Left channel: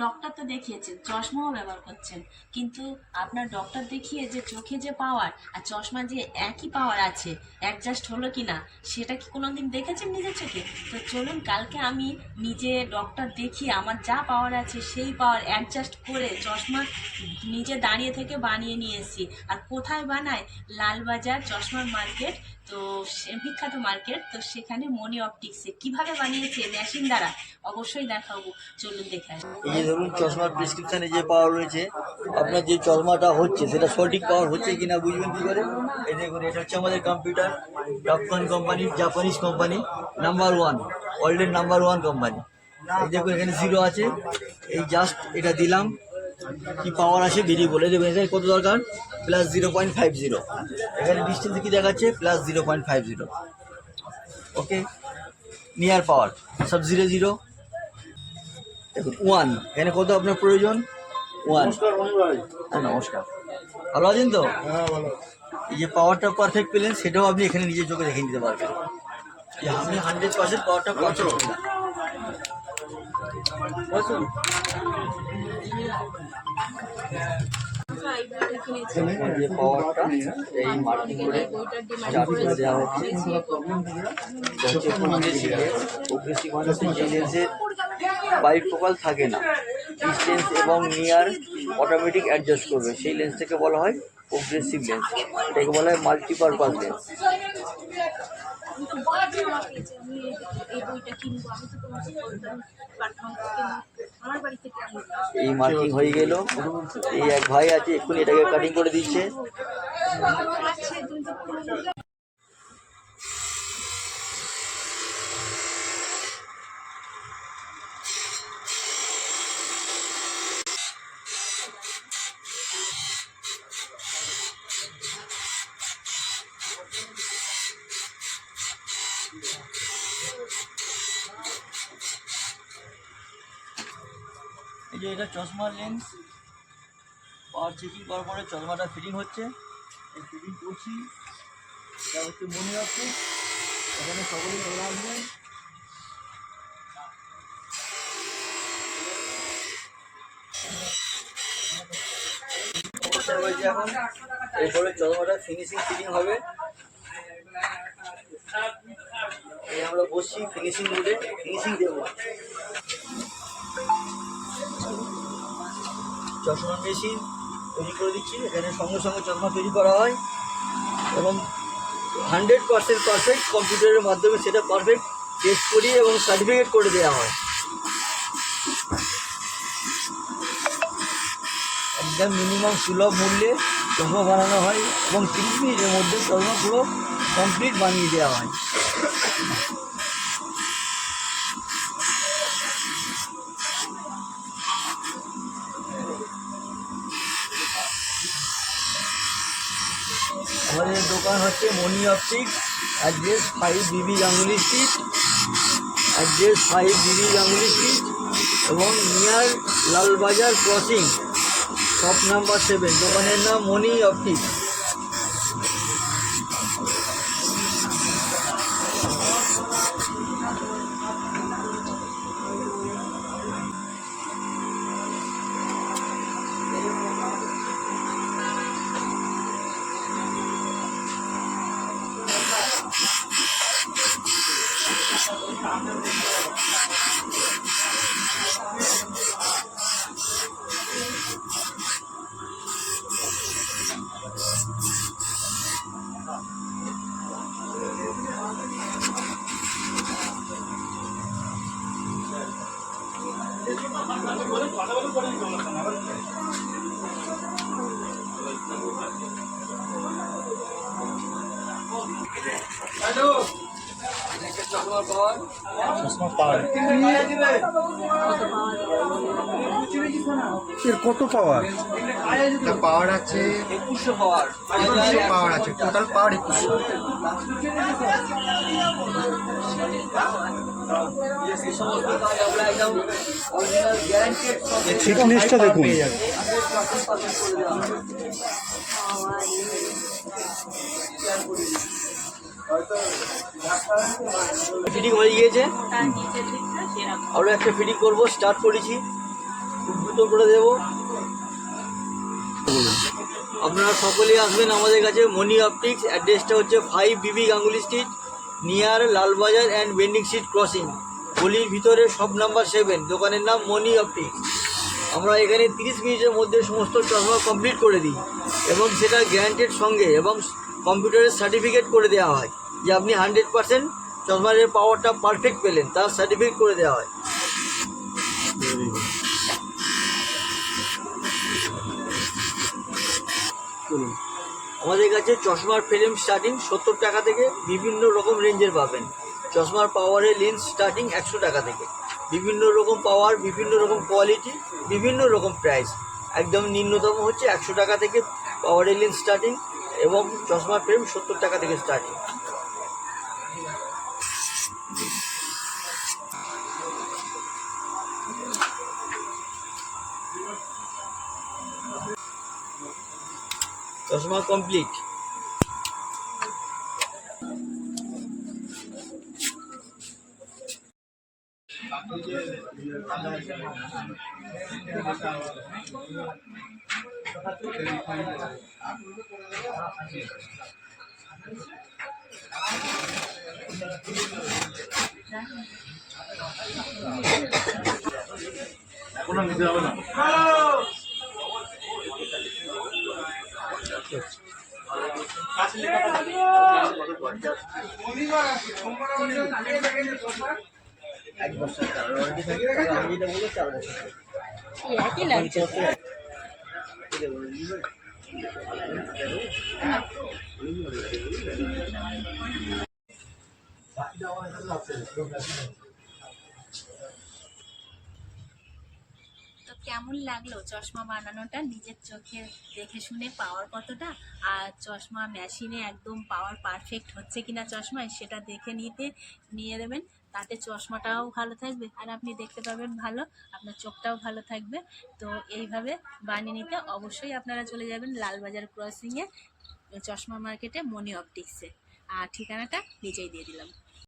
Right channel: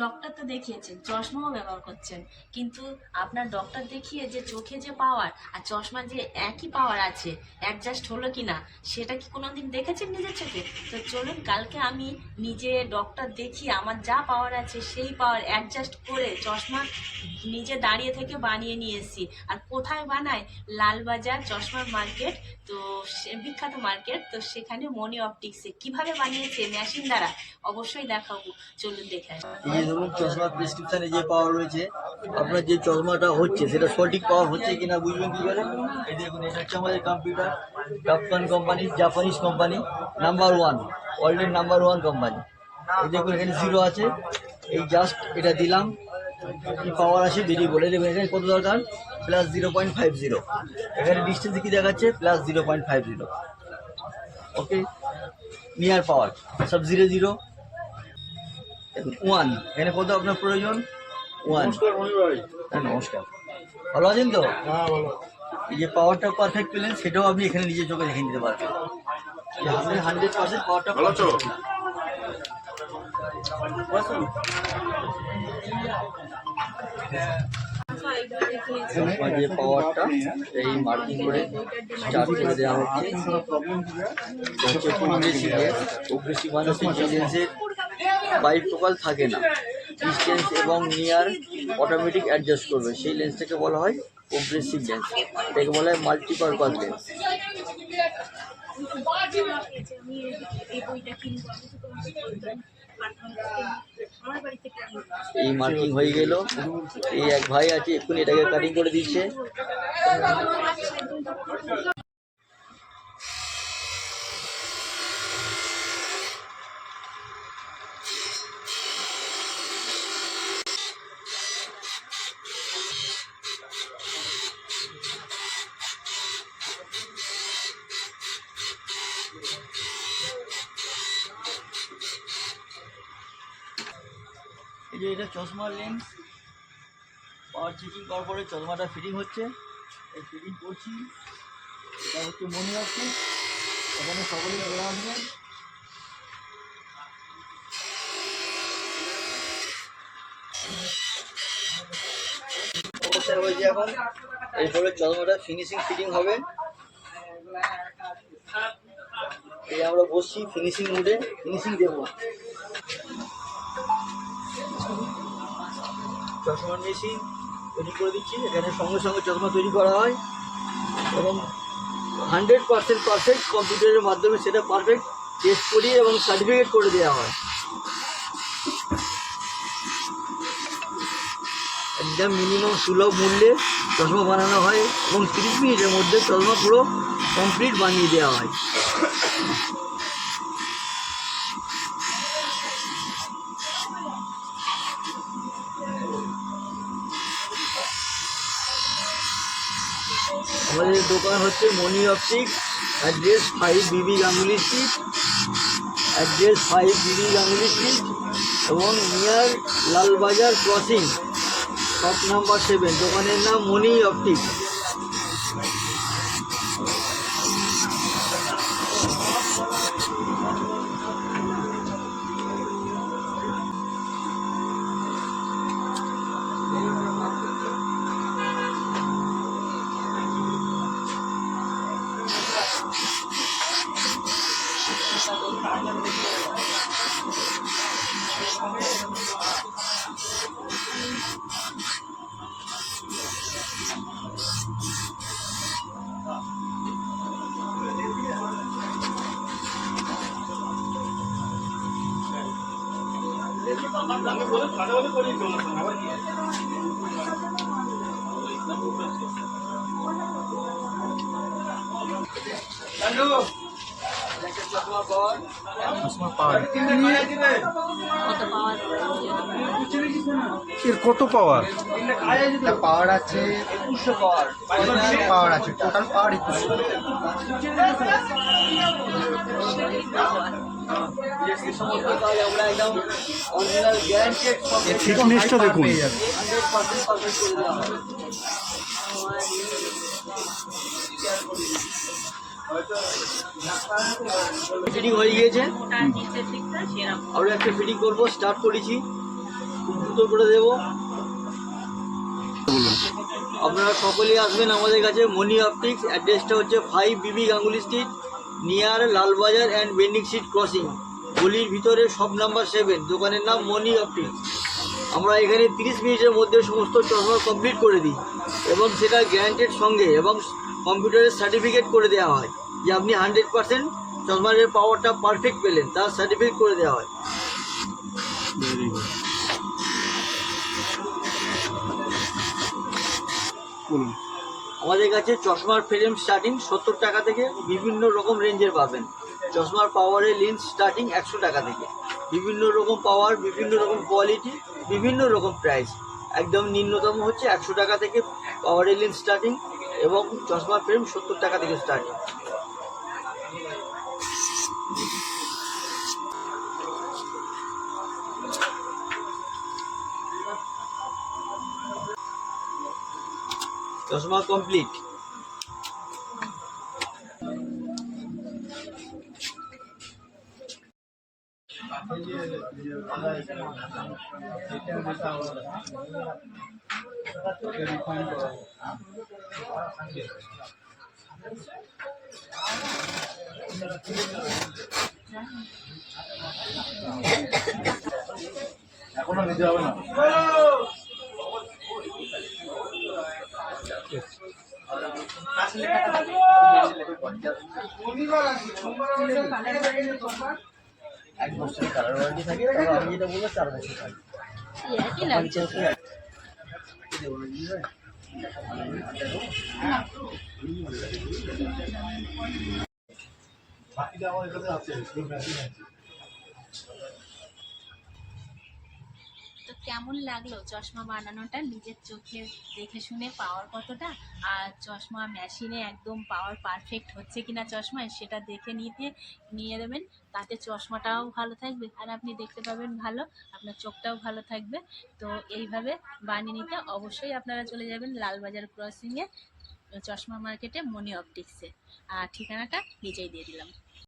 Doctor তো দেখিয়েছেন, চশমাও ব্যবহার করছেন, কিন্তু আপনার ডক্টর দেখিয়ে যে চোখে যে পাওয়ার আর চশমা যে একই পাওয়ার আছে, অ্যাডজাস্ট হলো কি না সেটা কি কোনোদিন দেখেছেন নিজের চোখে? তো চলুন কালকে আমি নিজে ডক্টর দেখিয়ে আমার যা পাওয়ার আছে সেই পাওয়ার অ্যাডজাস্ট করে চশমা নিজে দাঁড়িয়ে থেকে বানিয়ে নিয়ে এসেছি। আর কোথায় বানায়? লালবাজার চশমার মার্কেট, তো বিখ্যাত মার্কেট, তো সেখানে মনি অপটিক্সে কিভাবে বানিয়েছে মেশিন দ্বারা অবশ্যই দেখাবো, চলুন দেখে আসি। এই যে ধরুন চশমার প্রেসক্রিপশনে যে পাওয়ার রয়েছে, আপনার যে চশমাটা হচ্ছে সেটা সঠিক পাওয়ার হচ্ছে কিনা বুঝবেন কি করে? এই দেখুন, এটা হচ্ছে আমাদের computer, Topcon company, Japanese company, number 1, ওয়ার্ল্ডের নাম্বার 1 কোম্পানি। এই দেখুন এখানে 0 আছে, এই জাস্ট এটা দিলাম, কি পাওয়ার আছে বেরিয়ে বলে দেবেন। এখানে কত দরকার? +0.50। এখানে ডিস্টেন্স কি দেখাচ্ছে? +0.50। ওকে, নিয়ার পাওয়ার সব 0 0। দেখুন 1, এখানে কত আপনার প্রয়োজন? 1। হ্যাঁ, নমস্কার, ভালো আছেন তো? এই যে পাওয়ারটা পারফেক্ট পেলেন, সেটাও আপনি এখানে নিজের চোখে দেখে নিতে পারবেন যে আপনি 100% পাওয়ারটা পাচ্ছেন না। যে পাওয়ারটা এই মার্কিং করে স্টার্ট করে দেওয়া হচ্ছে। প্রোগ্রেসিভ মানে হচ্ছে যে লেন্সের বাইফোকাল থাকে না, ডিস্টেন্স এবং নিয়ার অটোমেটিক অ্যাডজাস্ট করবে, সেই লেন্সটাকে বলা হয় প্রোগ্রেসিভ লেন্স। এটাকে বলা হয় মাল্টিপারপাস লেন্স। এই মার্কিং হয়ে গেল। এই এক ভাই আছে, এক্ষুনি এটাকে কাটিং করে দিচ্ছে। এই যে এটা চশমার লেন্স, পাওয়ার চেকিং করার পরে চশমাটা ফিটিং হচ্ছে। এই ফিটিং করছি, এটা হচ্ছে মনে রাখছে। এখানে সকলেই চলে আসবেন। অবস্থা হয়েছে এখন, এরপরে চশমাটা ফিনিশিং ফিটিং হবে। এই আমরা বসছি ফিনিশিং মুডে, ফিনিশিং দেবো। চশমার মেশিন তৈরি করে দিচ্ছি। এখানে সঙ্গে সঙ্গে চশমা তৈরি করা হয় এবং 100% পারফেক্ট কম্পিউটারের মাধ্যমে সেটা পারফেক্ট টেস্ট করিয়ে এবং সার্টিফিকেট করে দেওয়া হয়। একদম মিনিমাম সুলভ মূল্যে চশমা বানানো হয় এবং 30 মিনিটের মধ্যে চশমা পুরো কমপ্লিট বানিয়ে দেওয়া হয়। আমাদের দোকান হচ্ছে মনি অপটিক্স, অ্যাড্রেস 5 বিবি গাঙ্গুলি স্ট্রিট, এবং near Lalbazar crossing, shop number 7। দোকানের নাম মনি অপটিক্স। এর কত পাওয়ার? এটা পাওয়ার আছে 2100 পাওয়ার। 2100 পাওয়ার আছে, টোটাল পাওয়ার 2100। থিকনেসটা দেখুন। ফিটিং হয়ে গিয়েছে, আরও একটা ফিটিং করবো, স্টার্ট করেছি। খুব দ্রুত করে দেবো। আপনারা সকলেই আসবেন আমাদের কাছে মনি অপটিক্স। অ্যাড্রেসটা হচ্ছে 5 বিবি Ganguly street, near Lalbazar and bending street crossing, গলির ভিতরে শপ নাম্বার 7, দোকানের নাম মনি অপটিক্স। আমরা এখানে 30 মিনিটের মধ্যে সমস্ত চশমা কমপ্লিট করে দিই এবং সেটা গ্যারান্টেড সঙ্গে এবং কম্পিউটারের সার্টিফিকেট করে দেওয়া হয় যে আপনি 100% চশমার পাওয়ারটা পারফেক্ট পেলেন, তার সার্টিফিকেট করে দেওয়া হয়। বলুন। আমাদের কাছে চশমার ফ্রেম স্টার্টিং 70 টাকা থেকে বিভিন্ন রকম রেঞ্জের পাবেন। চশমার পাওয়ারের লেন্স স্টার্টিং 100 টাকা থেকে, বিভিন্ন রকম পাওয়ার, বিভিন্ন রকম কোয়ালিটি, বিভিন্ন রকম প্রাইস। একদম নিম্নতম হচ্ছে 100 টাকা থেকে পাওয়ারের লেন্স স্টার্টিং এবং চশমার ফ্রেম 70 টাকা থেকে স্টার্টিং। চশমা কমপ্লিট। এখনো নিতে হবে না। এক বছর কালার ওয়ারেন্টি থাকে, তবে আমি যেটা বলবো 4 বছর থাকে। একই লাগছে। তো কেমন লাগলো চশমা বানানোটা? নিজের চোখে দেখে শুনে পাওয়ার কতটা, আর চশমা মেশিনে একদম পাওয়ার পারফেক্ট হচ্ছে কিনা চশমায় সেটা দেখে নিয়ে দেবেন। তাতে চশমাটাও ভালো থাকবে আর আপনি দেখতে পাবেন ভালো, আপনার চোখটাও ভালো থাকবে। তো এইভাবে বানিয়ে নিতে অবশ্যই আপনারা চলে যাবেন লালবাজার ক্রসিংয়ে চশমা মার্কেটে মনি অপটিক্সে। আর ঠিকানাটা নিচেই দিয়ে দিলাম।